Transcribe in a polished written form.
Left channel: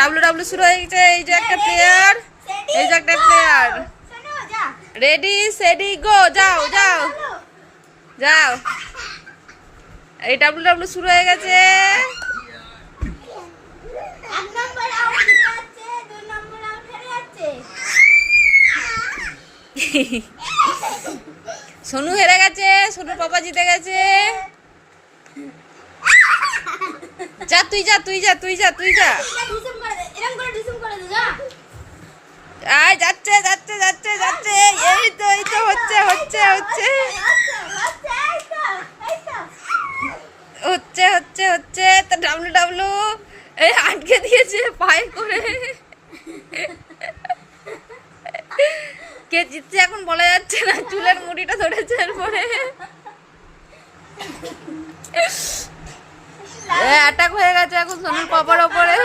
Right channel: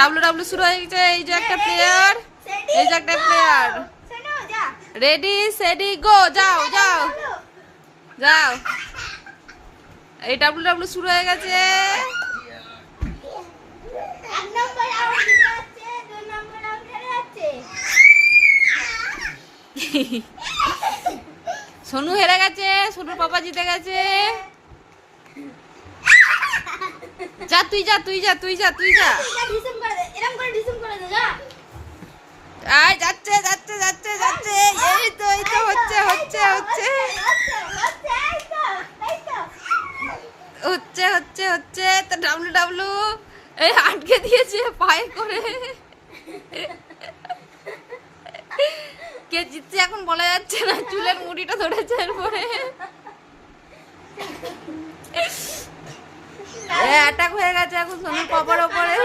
W W শুরু হয়ে গেছে। এই যে একটা প্লেয়ার, এই যে একটা প্লেয়ার। রেডি সেডি গো, যাও যাও যাও। এই ডাব্লু ডাব্লু শুরু হয়ে গেছে। সোনু হেরে গেছে, সোনুর পাপা জিতে গেছে। যা তুই যা তুই যা তুই যা তুই যা। আয় যাচ্ছে যাচ্ছে যাচ্ছে যাচ্ছে। এই তো হচ্ছে হচ্ছে হচ্ছে হচ্ছে হচ্ছে হচ্ছে। তা ডাব্লু ডাব্লু এই আটকে দিয়েছে পায়ে করে। কে জিতছে এখন বলা যাচ্ছে না, চুলের মুড়িটা ধরেছে এরপরে। অ্যাটাক হয়ে গেছে এখন সোনুর পাপার ওপরে।